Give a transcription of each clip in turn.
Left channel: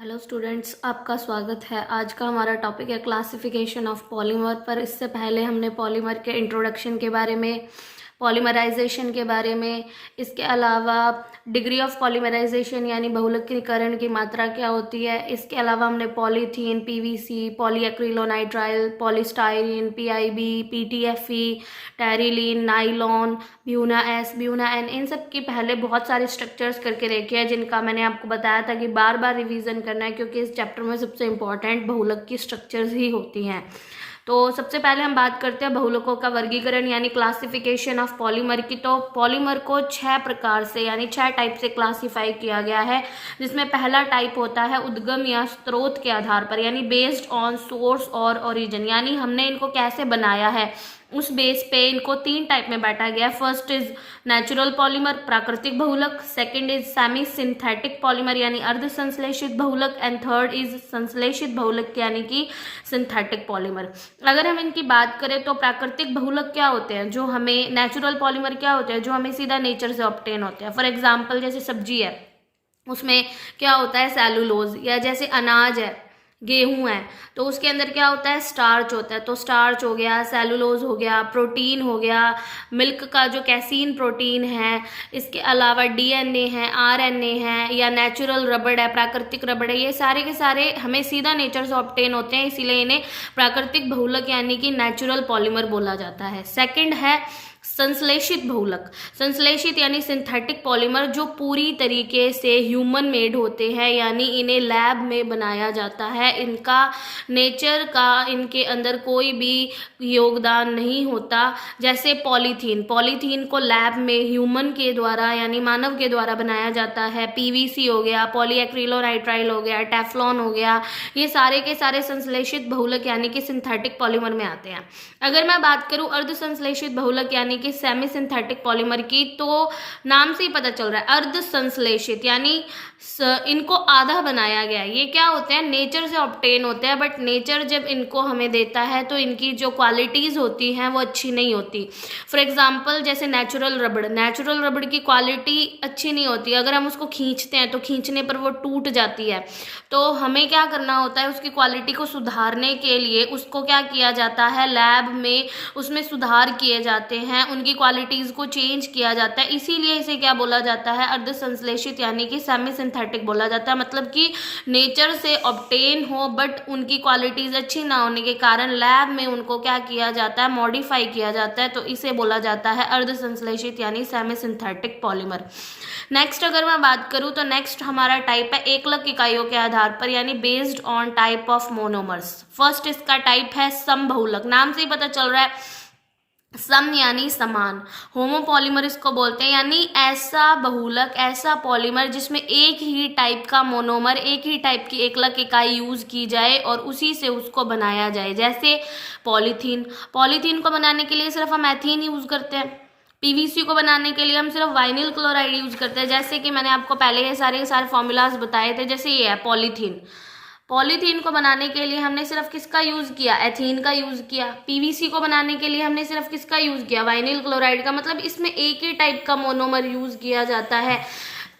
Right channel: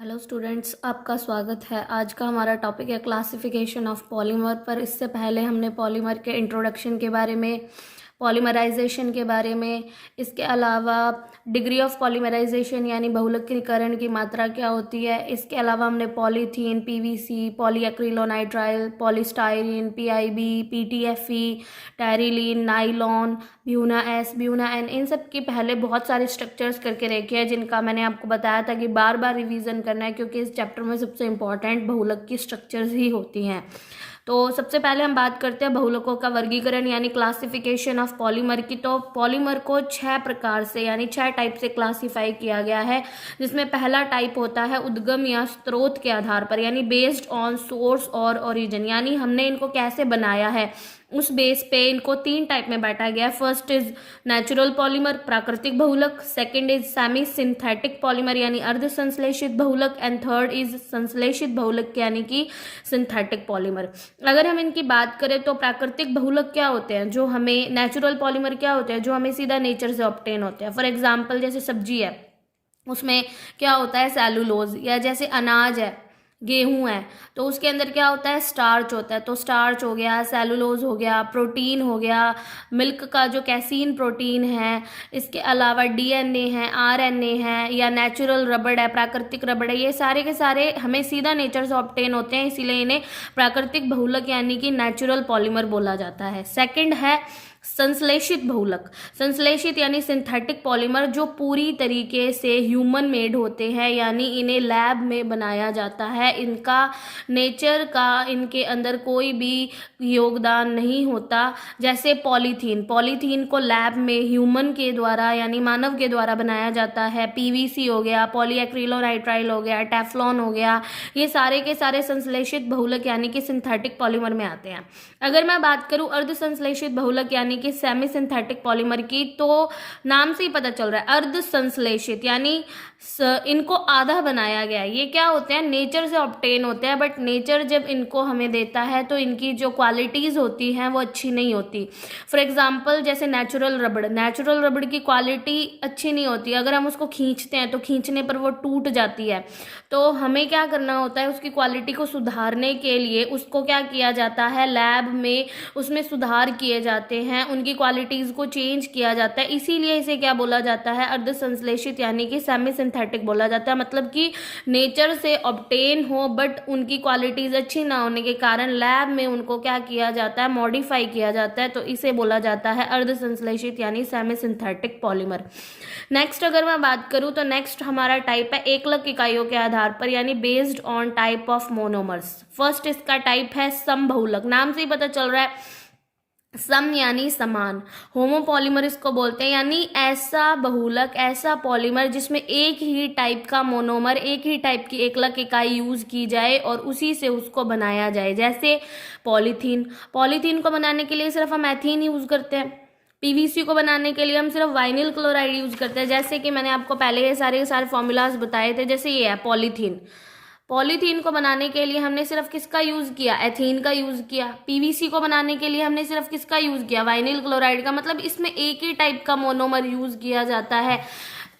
Hello students, आपका स्वागत है। आज का हमारा टॉपिक है क्लासिफिकेशन ऑफ पॉलीमर। पर इससे पहले हमने पॉलीमर के इंट्रोडक्शन के बारे में, पॉलीमराइजेशन के बारे में, इसके अलावा डिग्री ऑफ पॉलीमराइजेशन यानी बहुलकीकरण की मात्रा क्या होती है, इसके अलावा हमने polythene, PVC, polyacrylonitrile, polystyrene, PIB, PTFE, terylene, nylon, buna S, buna N, इन सब की पहले बहुत सारे स्ट्रक्चर्स करके रखे हैं जिनका मैंने आपको बताया था कि बार बार रिवीजन करना है, क्योंकि इस चैप्टर में सबसे इंपॉर्टेंट बहुलक की स्ट्रक्चर्स ही होती हैं। तो सबसे पहले हम बात करते हैं बहुलकों का वर्गीकरण यानी क्लासिफिकेशन ऑफ पॉलीमर की। तो पॉलीमर को 6 प्रकार से यानी 6 टाइप से क्लासिफाई किया गया है, जिसमें पहला टाइप होता है उद्गम या स्रोत के आधार पर यानी बेस्ड ऑन सोर्स और ओरिजिन, यानी हमने इनको कैसे बनाया है उस बेस पे इनको 3 टाइप में बांटा गया है। फर्स्ट इज नेचुरल पॉलीमर, प्राकृतिक बहुलक। Second is semi synthetic polymer यानी अर्ध संश्लेषित बहुलक। एंड थर्ड इज संश्लेषित बहुलक यानी कि सिंथेटिक पॉलीमर। अगर हम इनकी बात करें तो प्राकृतिक बहुलक क्या होते हैं, जो हमें, नेचुरल पॉलीमर क्या होते हैं, जो हमें सीधा नेचर से ऑब्टेन होते हैं। फॉर एग्जाम्पल जैसे सब्जी है, उसमें क्या होता है, सेलुलोज, या जैसे अनाज है, गेहूं है, तो उसके अंदर क्या होता है, स्टार्च होता है। तो स्टार्च हो गया, सेलुलोज हो गया, प्रोटीन हो गया, मिल्क का जो कैसीन प्रोटीन है, इसके अलावा डीएनए है, आरएनए है, या नेचुरल रबड़ है, प्राकृतिक रबड़ है, ये सारे के सारे हमें सीधा नेचर से ऑब्टेन होते हैं, इसीलिए इन्हें प्राकृतिक बहुलक यानी कि नेचुरल पॉलीमर बोला जाता है। सेकंड है संश्लेषित बहुलक। संश्लेषित यानी सिंथेटिक पॉलीमर जो पूरी तरीके से ह्यूमन मेड होते हैं, यानी इन्हें लैब में बनाया जाता है, इनका नेचर का इनके अंदर कोई भी योगदान नहीं होता। जैसे पॉलीथीन, पॉलीथीन को लैब में ह्यूमन के द्वारा यानी मानव के द्वारा बनाया जाता है। पीवीसी हो गया, पॉलीएक्रिलोनाइट्राइल हो गया, टेफ्लॉन हो गया, ये सारे के सारे संश्लेषित बहुलक यानी कि सिंथेटिक पॉलीमर में आते हैं। अगर मैं बात करूं अर्ध संश्लेषित बहुलक यानी कि सेमी सिंथेटिक पॉलीमर की, तो नाम से ही पता चल रहा है अर्ध संश्लेषित यानी इनको आधा बनाया गया। ये क्या होते हैं, नेचर से ऑब्टेन होते हैं, बट नेचर जब इनको हमें देता है तो इनकी जो क्वालिटीज़ होती हैं वो अच्छी नहीं होती। फॉर एग्जांपल जैसे नेचुरल रबड़, नेचुरल रबड़ की क्वालिटी अच्छी नहीं होती, अगर हम उसको खींचते हैं तो खींचने पर वो टूट जाती है। तो हमें क्या करना होता है, उसकी क्वालिटी को सुधारने के लिए उसको क्या किया जाता है, लैब में उसमें सुधार किए जाते हैं, उनकी क्वालिटीज़ को चेंज किया जाता है, इसीलिए इसे क्या बोला जाता है, अर्ध संश्लेषित यानी कि सेमी सिंथेटिक बोला जाता है। मतलब कि नेचर से ऑब्टेन हो बट उनकी क्वालिटीज़ अच्छी ना होने के कारण लैब में उनको क्या किया जाता है, मॉडिफाई किया जाता है, तो इसे बोला जाता है अर्ध संश्लेषित यानी सेमी सिंथेटिक पॉलीमर। नेक्स्ट अगर मैं बात करूं तो नेक्स्ट हमारा टाइप है एकलक इकाइयों के आधार पर यानी based on type of monomers. First इसका टाइप है समबहुलक, नाम से ही पता चल रहा है, सम यानी समान, होमोपॉलीमर इसको बोलते हैं, यानी ऐसा बहुलक, ऐसा पॉलीमर जिसमें एक ही टाइप का मोनोमर, एक ही टाइप की एकलक इकाई यूज की जाए और उसी से उसको बनाया जाए। जैसे पॉलीथीन, पॉलीथीन को बनाने के लिए सिर्फ हम एथीन यूज करते हैं। पीवीसी को बनाने के लिए हम सिर्फ वाइनिल क्लोराइड यूज करते हैं। जैसे कि मैंने आपको पहले ये सारे फॉर्मूलाज बताए थे, जैसे ये है पॉलीथीन, पॉलीथीन को बनाने के लिए हमने सिर्फ किसका यूज किया, एथीन का यूज किया। पीवीसी को बनाने के लिए हमने सिर्फ किसका यूज किया, वाइनिल क्लोराइड का। मतलब इसमें एक ही टाइप का मोनोमर यूज किया जाता है,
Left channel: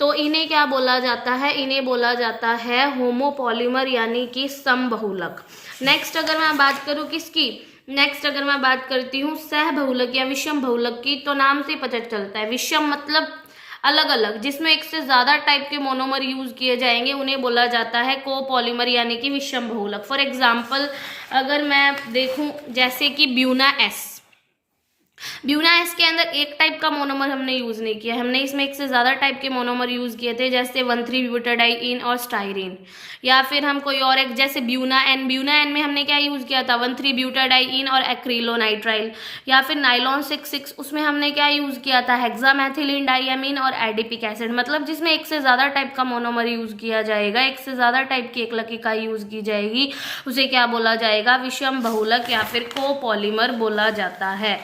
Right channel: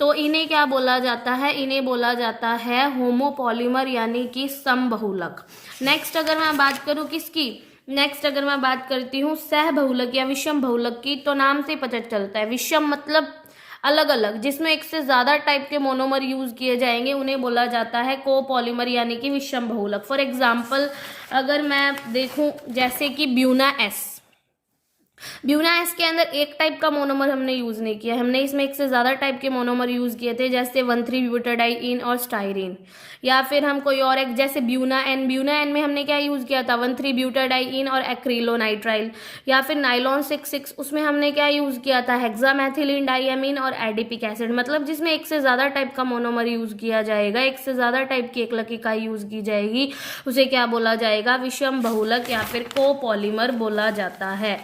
तो इन्हें क्या बोला जाता है, इन्हें बोला जाता है होमोपॉलीमर यानी कि समबहुलक। नेक्स्ट अगर मैं बात करूं किसकी, नेक्स्ट अगर मैं बात करती हूँ सह बहुलक या विषम बहुलक की, तो नाम से पता चलता है, विषम मतलब अलग अलग, जिसमें एक से ज्यादा टाइप के मोनोमर यूज किए जाएंगे, उन्हें बोला जाता है कोपॉलीमर यानी कि विषम बहुलक। फॉर एग्जाम्पल अगर मैं देखूं जैसे कि ब्यूना एस, ब्यूना एस के अंदर एक टाइप का मोनोमर हमने यूज नहीं किया, हमने इसमें एक से ज्यादा टाइप के मोनोमर यूज किए थे, जैसे 1,3-ब्यूटाडाइइन और स्टाइरीन। या फिर हम कोई और एक जैसे ब्यूना एन, ब्यूना एन में हमने क्या यूज किया था, 1,3-ब्यूटाडाइइन और एक्रिलोनाइट्राइल। या फिर नाइलॉन 6,6, उसमें हमने क्या यूज किया था, हेक्सामेथिलीन डाइअमीन और एडिपिक एसिड। मतलब जिसमें एक से ज्यादा टाइप का मोनोमर यूज किया जाएगा, एक से ज्यादा टाइप की एकलक इकाई यूज की जाएगी, उसे क्या बोला जाएगा, विषम बहुलक या फिर कोपॉलीमर बोला जाता है।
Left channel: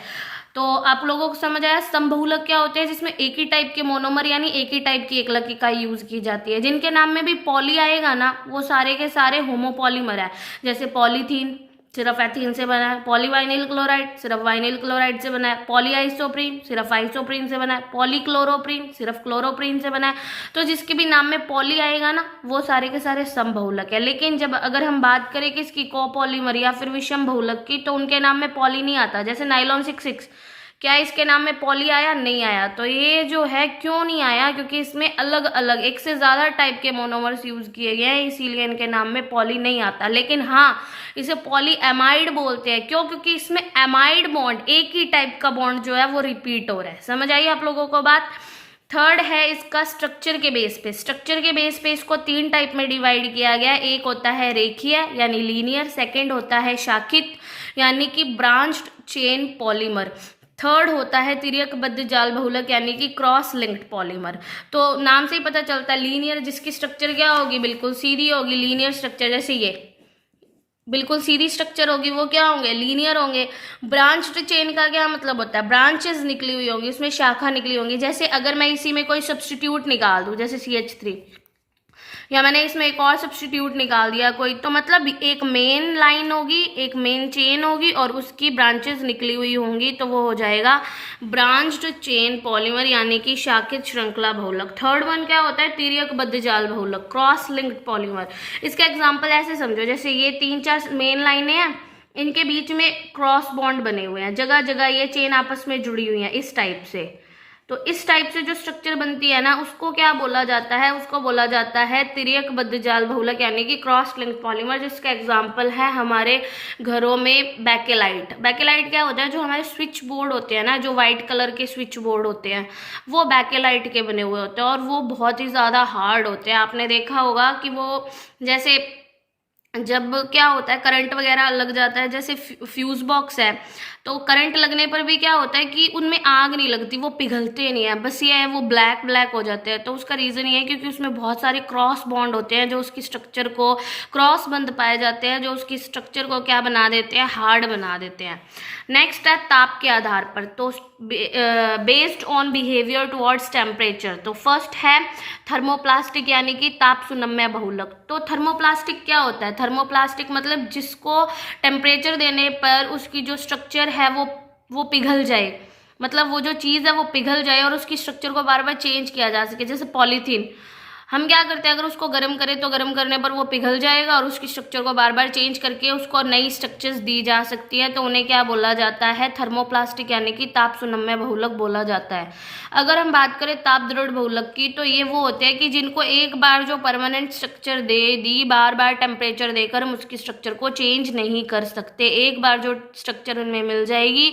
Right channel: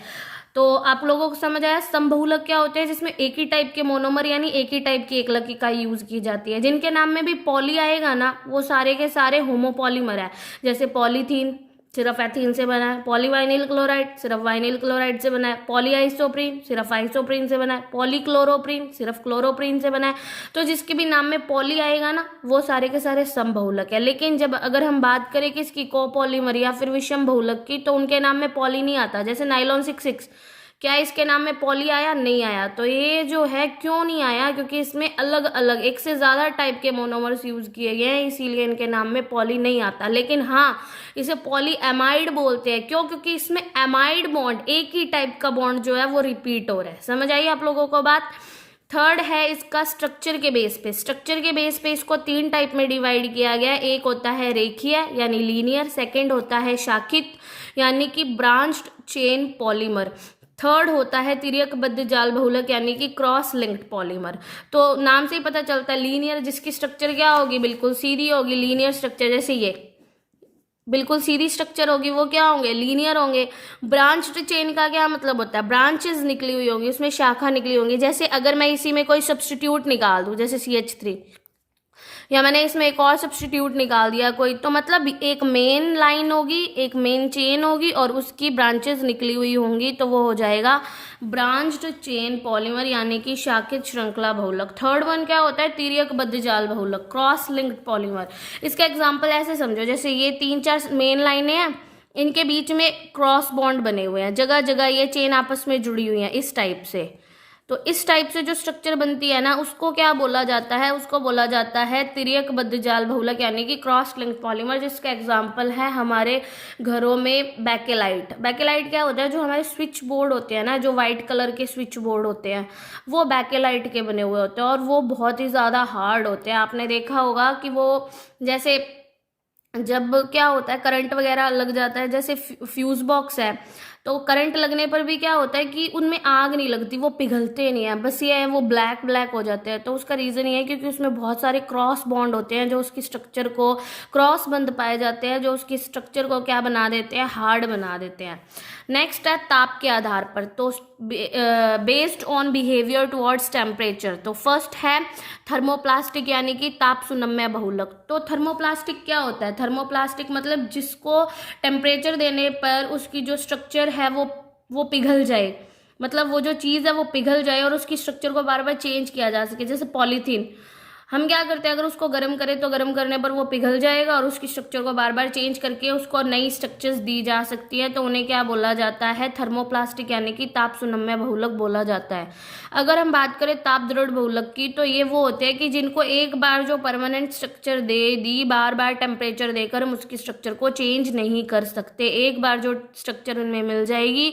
तो आप लोगों को समझ आया समबहुलक क्या होते हैं, जिसमें एक ही टाइप के मोनोमर यानी एक ही टाइप की एकलक इकाई यूज की जाती है। जिनके नाम में भी पॉली आएगा ना, वो सारे के सारे होमोपॉलीमर है। जैसे पॉलीथीन, सिर्फ एथीन से बना है। पॉलीवाइनिल क्लोराइड सिर्फ वाइनिल क्लोराइड से बना है। पॉलीआइसोप्रीन सिर्फ आइसोप्रीन से बना है। पॉलीक्लोरोप्रीन सिर्फ क्लोरोप्रीन से बना है। तो जिसके भी नाम में पॉली आएगा ना, वो सारे के सारे समबहुलक है। लेकिन जब अगर हम बात करें किसकी, कोपॉलीमर या फिर विषम बहुलक की, तो उनके नाम में पॉली नहीं आता। जैसे नाइलॉन 66, क्या इसके नाम में पॉली आया? नहीं आया। तो ये जो है क्यों नहीं आया, क्योंकि इसमें अलग अलग एक से ज्यादा टाइप के मोनोमर्स यूज किए गए हैं, इसीलिए इनके नाम में पॉली नहीं आता। लेकिन हाँ, इसे पॉली एमाइड बोलते हैं। क्यों? क्योंकि इसमें एमाइड बॉन्ड, एक ही टाइप का बॉन्ड जो है वो रिपीट हो रहा है। समझ आई आप लोगों को बात? थर्ड है इसका स्ट्रक्चर के बेस पे। स्ट्रक्चर के बेस पे इसको 3 टाइप में डिवाइड किया गया है। एक होता है रेखीय यानी लीनियर, सेकंड होता है शाखित यानी कि ब्रांच्ड चेन पॉलीमर, थर्ड होता है तिर्यकबद्ध जाल बहुलक यानी कि क्रॉस लिंक्ड पॉलीमर। तो नाम से ही पता चलता है लीनियर, जिसकी स्ट्रक्चर क्या होगी, बिल्कुल सीधी होगी। लीनियर स्ट्रक्चर, जैसे ये बिल्कुल सीधी स्ट्रक्चर होगी, वो क्या होंगे, लीनियर होंगे। ब्रांच्ड चेन का क्या मतलब होता है, ब्रांचेस निकली हुई होंगी, उसमें शाखा निकली होंगी। जैसे अगर मैं इसी में कोई सब्स्टिट्यूट निकाल दूं, जैसे CH3, या मैंने इसमें एक और सब्स्टिट्यूट निकाल दिया कोई, तो मतलब एक मेन लाइन होगी, एक मेन चेन होगी और उसकी ब्रांचेस निकली हुई होंगी, तो वो हो जाएगा ब्रांच्ड चेन पॉलीमर यानी कि शाखित श्रृंखला बहुलक। थर्ड वन क्या होता है, तिर्यकबद्ध जाल बहुलक, क्रॉस लिंक्ड पॉलीमर। इसका एग्जांपल ऐसे समझो, जैसे ये 3-4 मेन लाइनें हैं, इनके बीच में क्रॉस बॉन्ड बने हुए हैं, जगह जगह ये चेन आपस में जुड़ी हुई है इस टाइप से। तो इस टाइप से जो स्ट्रक्चर बनती है ना, उसको क्या बोला जाता है, उसको बोला जाता है तिर्यकबद्ध जाल बहुलक यानी कि क्रॉस लिंक्ड पॉलीमर। जिसका एग्जांपल है हमारे घरों में बैकेलाइट। बैकेलाइट क्या होता है, जो हमारे स्विच बोर्ड होते हैं ना, जो व्हाइट कलर के स्विच बोर्ड होते हैं, वो बैकेलाइट के बने हुए होते हैं और वो बहुत ही ज़्यादा हार्ड होते हैं। आपने देखा होगा कि वो जैसे जब क्या होता है करंट वगैरह लग जाता है, जैसे फ्यूज बॉक्स है, तो करंट लगने पर भी क्या होता है कि उनमें आग नहीं लगती, वो पिघलते नहीं है, बस ये है वो ब्लैक ब्लैक हो जाते हैं। तो उसका रीज़न ये है क्योंकि उसमें बहुत सारे क्रॉस बॉन्ड होते हैं, जो उसकी स्ट्रक्चर को, क्रॉस बंध पाए जाते हैं, जो उसकी स्ट्रक्चर को क्या बना देते हैं, हार्ड बना देते हैं। नेक्स्ट है ताप के आधार पर, तो based on behaviour towards temperature. तो फर्स्ट है थर्मोप्लास्टिक यानी कि ताप सुनम्य बहुलक। तो थर्मोप्लास्टिक क्या होता है, थर्मोप्लास्टिक मतलब जिसको टेम्परेचर देने पर उसकी जो स्ट्रक्चर है वो पिघल जाए, मतलब वो जो चीज़ है वो पिघल जाए और उसकी स्ट्रक्चर को बार बार चेंज किया जा सके। जैसे पॉलीथीन, हम क्या करते हैं, अगर उसको गर्म करें तो गर्म करने पर वो पिघल जाएगा और उसकी स्ट्रक्चर को बार बार चेंज करके उसको नई स्ट्रक्चर्स दी जा सकती है, तो उन्हें क्या बोला जाता है, थर्मोप्लास्टिक यानी कि ताप सुनम्य बहुलक बोला जाता है। अगर हम बात करें ताप दृढ़ बहुलक की, तो ये वो होते हैं कि जिनको एक बार जो परमानेंट स्ट्रक्चर दे दी, बार बार टेम्परेचर देकर हम उसकी स्ट्रक्चर को चेंज नहीं कर सकते। एक बार जो स्ट्रक्चर उनमें मिल जाएगी,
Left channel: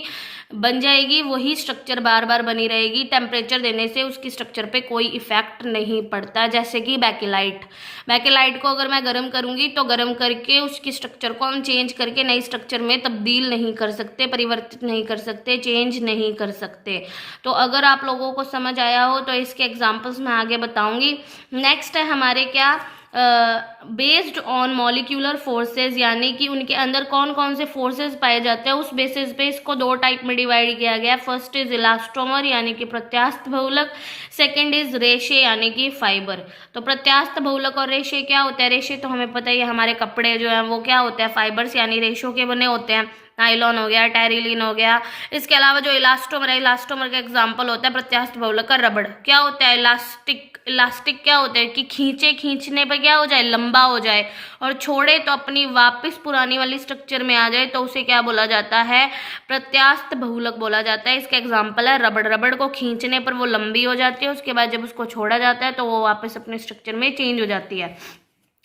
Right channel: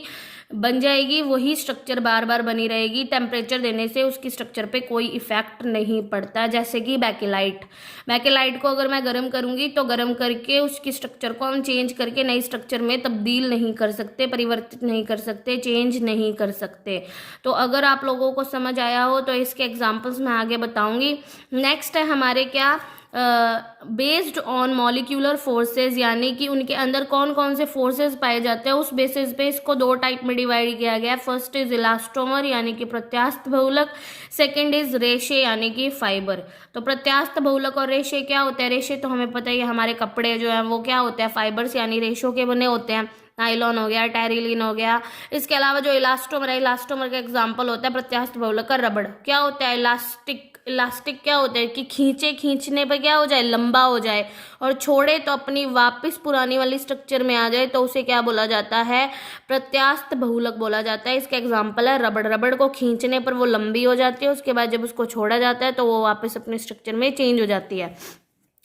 बन जाएगी, वही स्ट्रक्चर बार बार बनी रहेगी। टेम्परेचर देने से उसकी स्ट्रक्चर पे कोई इफेक्ट नहीं पड़ता। जैसे कि बैकेलाइट, बैकेलाइट को अगर मैं गर्म करूंगी तो गर्म करके उसकी स्ट्रक्चर को हम चेंज करके नई स्ट्रक्चर में तब्दील नहीं कर सकते, परिवर्तित नहीं कर सकते, चेंज नहीं कर सकते। तो अगर आप लोगों को समझ आया हो तो इसके एग्जाम्पल्स मैं आगे बताऊंगी। नेक्स्ट है हमारे क्या, बेस्ड ऑन मॉलिक्यूलर फोर्सेस, यानी कि उनके अंदर कौन कौन से फोर्सेस पाए जाते हैं, उस बेसिस पे इसको 2 टाइप में डिवाइड किया गया है। फर्स्ट इज इलास्टोमर यानी कि प्रत्यास्थ बहुलक, सेकंड इज रेशे यानी कि फाइबर। तो प्रत्यास्थ बहुलक और रेशे क्या होता है, रेशे तो हमें पता ही है, हमारे कपड़े जो है वो क्या होते हैं, फाइबर्स यानी रेशों के बने होते हैं। नाइलॉन हो गया, टेरिलीन हो गया। इसके अलावा जो इलास्टोमर है, इलास्टोमर का एग्जांपल होता है प्रत्यास्थ बहुलक का रबड़। क्या होता है इलास्टिक, इलास्टिक क्या होता है कि खींचने पर क्या हो जाए, लंबा हो जाए, और छोड़े तो अपनी वापस पुरानी वाली स्ट्रक्चर में आ जाए, तो उसे क्या बोला जाता है, प्रत्यास्थ बहुलक बोला जाता है। इसका एग्जांपल है रबड़। रबड़ को खींचने पर वो लंबी हो जाती है, उसके बाद जब उसको छोड़ा जाता है तो वो वापस अपने स्ट्रक्चर में चेंज हो जाती है।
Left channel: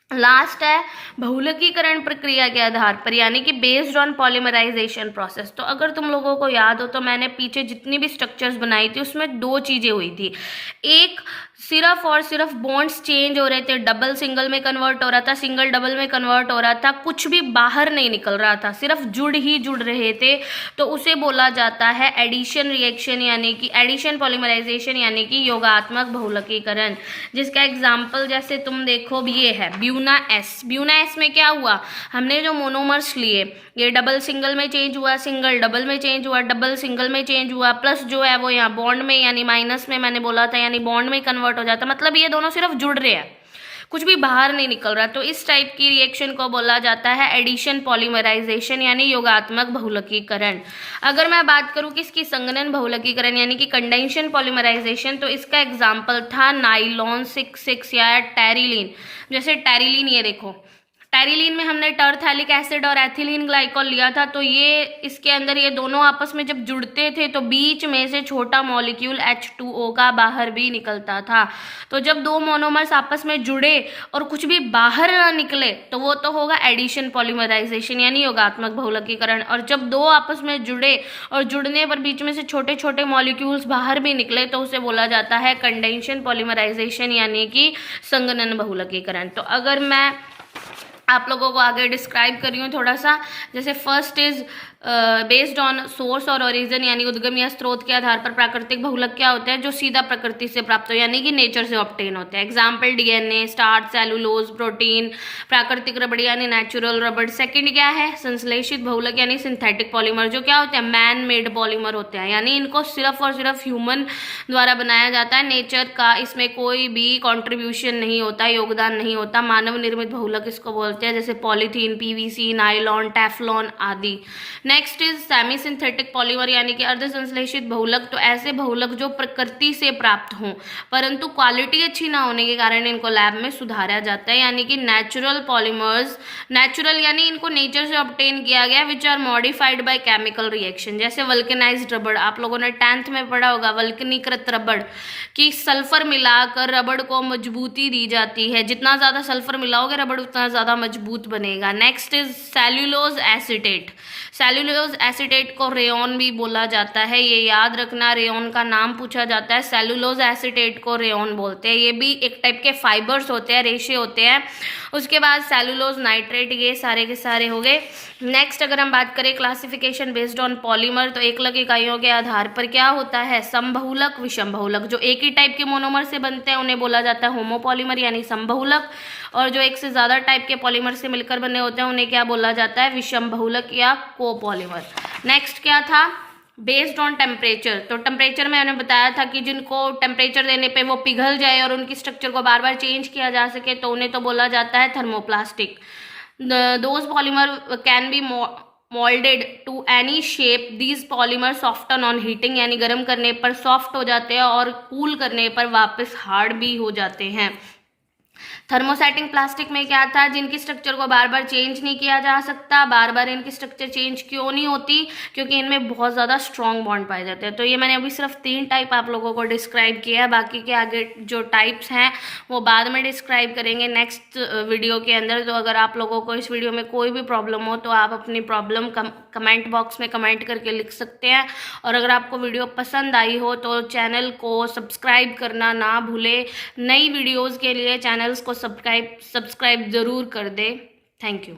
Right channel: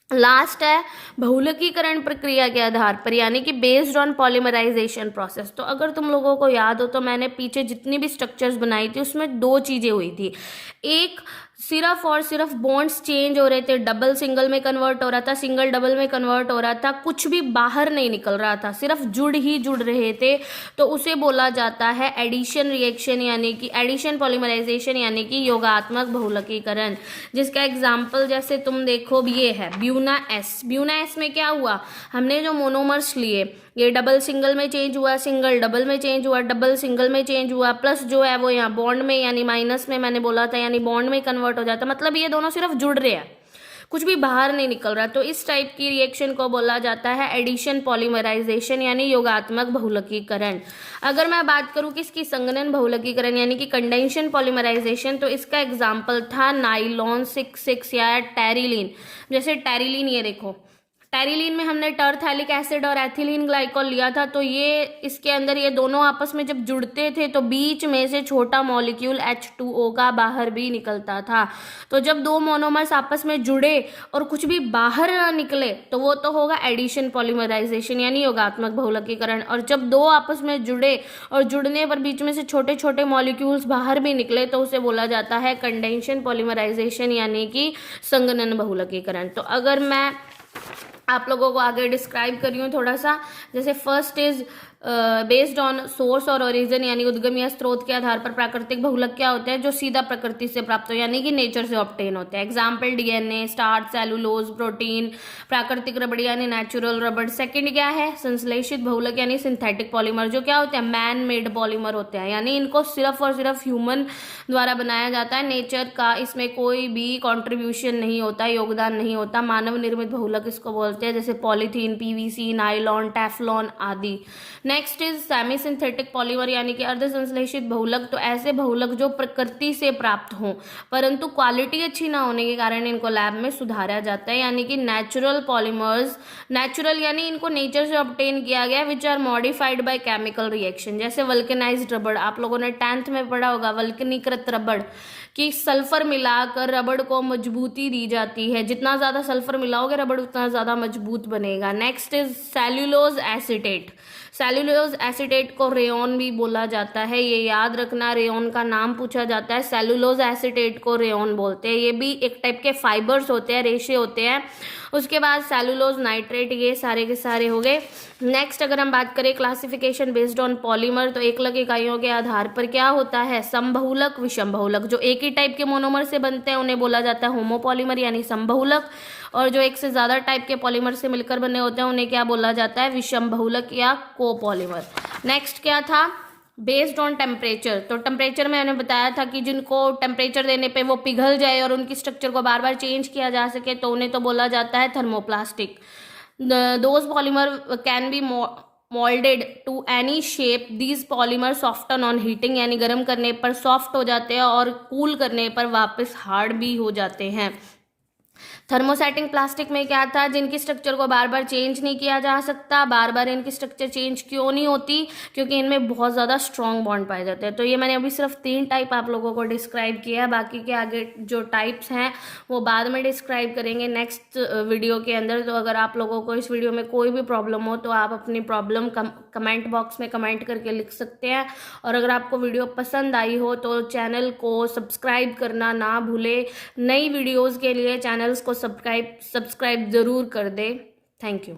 लास्ट है बहुलकीकरण प्रक्रिया के आधार पर, यानी कि बेस्ड ऑन पॉलीमराइजेशन प्रोसेस। तो अगर तुम लोगों को याद हो तो मैंने पीछे जितनी भी स्ट्रक्चर्स बनाई थी उसमें 2 चीजें हुई थी। एक, सिर्फ और सिर्फ बॉन्ड्स चेंज हो रहे थे, डबल सिंगल में कन्वर्ट हो रहा था, सिंगल डबल में कन्वर्ट हो रहा था, कुछ भी बाहर नहीं निकल रहा था, सिर्फ जुड़ ही जुड़ रहे थे, तो उसे बोला जाता है एडिशन रिएक्शन यानी कि एडिशन पॉलीमराइजेशन यानी कि योगात्मक बहुलकीकरण। जिसका एग्जाम्पल जैसे तुम देखो ये है ब्यूना एस। ब्यूना एस में क्या हुआ, हमने जो मोनोमर्स लिए, ये डबल सिंगल में चेंज हुआ, सिंगल डबल में चेंज हुआ, डबल सिंगल में चेंज हुआ, प्लस जो है वो यहाँ बॉन्ड में यानी माइनस में मैंने बोला था, यानी बॉन्ड में कन्वर्ट हो जाता, मतलब ये दोनों सिर्फ जुड़ रहे हैं, कुछ भी बाहर नहीं निकल रहा। तो इस टाइप की रिएक्शन को बोला जाता है एडिशन पॉलीमराइजेशन यानी योगात्मक बहुलकीकरण। अगर मैं बात करूं किसकी, संघनन बहुलकीकरण यानी कि कंडेंशन पॉलीमराइजेशन, तो इसका एग्जाम्पल था नाइलॉन 6 या टेरिलीन। जैसे टेरिलीन, ये देखो टेरिलीन में हमने टरथैलिक एसिड और एथिलीन ग्लाइकॉल लिया था, तो ये इसके अंदर ये दोनों आपस में जब जुड़ते थे तो बीच में से छोटा मॉलिक्यूल H2O का बाहर भी निकलता था। तो जब दो मोनोमर्स आपस में जुड़े और कुछ भी बाहर ना निकले तो वो तो होगा एडिशन पॉलीमराइजेशन यानी योगात्मक बहुलकीकरण। और जब दो आपस में जुड़े और जुड़ने पर बीच में से छोटे छोटे मॉलिक्यूल्स बाहर भी निकले तो उसे बोला जाता है कंडेंशन पॉलीमराइजेशन यानी कि संघनन बहुलकीकरण। तो अगर मैं आप लोगों को आगे डिस्क्राइब कर रही हूँ थोड़ा सा, जैसे first is based on source और ओरिजिन यानी उद्गम या स्रोत के आधार पर प्राकृतिक बहुलक क्या होता है, जो सीधा प्रकृति से प्राप्त हो यानी कि नेचर से ऑब्टेन होते हैं। Example DNA, starch, cellulose, protein, प्राकृतिक रबड़ यानी नेचुरल रबड़। सेकंड क्या है, संश्लेषित बहुलक यानी सिंथेटिक पॉलीमर, जो क्या होते हैं, मैन मेड पॉलीमर होते हैं, यानी इनको सिर्फ और सिर्फ ह्यूमन द्वारा बनाया जाता है, नेचर का इसमें कोई भी कॉन्ट्रीब्यूशन नहीं होता, योगदान नहीं होता, मानव निर्मित बहुलक इसको बोलते हैं, जैसे पॉलीथीन, पीवीसी, नाइलॉन, टेफ्लॉन आदि। Next is semi synthetic polymer यानी कि अर्ध संश्लेषित बहुलक। तो ऐसे बहुलक जो प्रकृति से प्राप्त हों परंतु क्वालिटी अच्छी ना होने के कारण इनको लैब में सुधारा जाता है, यानी कि नेचुरल पॉलीमर्स, नेचुरल यानी इनको नेचर से ऑब्टेन किया गया, which are modified by chemical reaction. जैसे वल्केनाइज्ड रबड़, आप लोगों ने 10th में पढ़ा होगा, वल्कनीकृत रबड़ कि सल्फर मिलाकर रबड़ को मजबूती दी जाती है, जितना ज़्यादा सल्फर मिलाओगे रबड़ उतना ज़्यादा मजबूत बनेगा। Next is cellulose acetate. Cellulose acetate को रेयॉन भी बोला जाता है, ये याद रखना, रेयॉन का नाम पूछा जाता है, सेल्यूलोज एसीटेट को रेयॉन बोलते हैं। ये भी एक टाइप के फाइबर्स होते हैं, रेशे होते हैं। उसके बाद सेल्यूलोज नाइट्रेट, ये सारे के सारे हो गए। नेक्स्ट अगर हम बात करें क्लासिफिकेशन बेस्ड ऑन पॉलीमर, तो एकलक इकाइयों के आधार पर क्या होता है, समबहुलक, विषम बहुलक। जो एक ही टाइप के मोनोमर से बनते हैं उन्हें बोला जाता है होमोपॉलीमर यानी समबहुलक, और जो एक से ज़्यादा टाइप के पॉलीमर से मिलकर बने होते हैं उन्हें क्या बोला जाता है, विषम बहुलक या कोपॉलीमर। नेक्स्ट क्या था, बेस्ड ऑन टेम्परेचर। तो टेम्परेचर में मैंने बताया था कि जिनको टेम्परेचर देने पे वो पिघल जाए और उनकी स्ट्रक्चर को बार बार चेंज किया जा सके तो उन्हें तो बोला जाता है thermoplastic. Those polymer can be moulded to any shape, these polymer soften on heating यानी गर्म करने पर सॉफ्ट हो जाते हैं और कूल करने पर वापस हार्ड भी हो जाते हैं। थर्मोसेटिंग प्लास्टिक में क्या था, जिनकी स्ट्रक्चर को बार बार चेंज नहीं किया जा सकता। बार बार इनकी स्ट्रक्चर चेंज क्यों नहीं होती, क्योंकि इनमें बहुत ज़्यादा स्ट्रॉन्ग बॉन्ड पाए जाते हैं। तो ये मैंने अभी सिर्फ 3 टाइप आप लोगों को डिस्क्राइब किया है, बाकी के आगे जो टाइप्स हैं वो बाद में डिस्क्राइब करेंगे नेक्स्ट वीडियो के अंदर। तो अगर आप लोगों को इस वीडियो में कोई भी प्रॉब्लम हो तो आप अपनी प्रॉब्लम कमेंट बॉक्स में कमेंट करके लिख सकते हैं। और अगर आपको वीडियो पसंद आई हो तो चैनल को सब्सक्राइब करना ना भूले। नई वीडियोज़ के लिए चैनल्स को सब्सक्राइब ज़रूर कर दे। Thank you.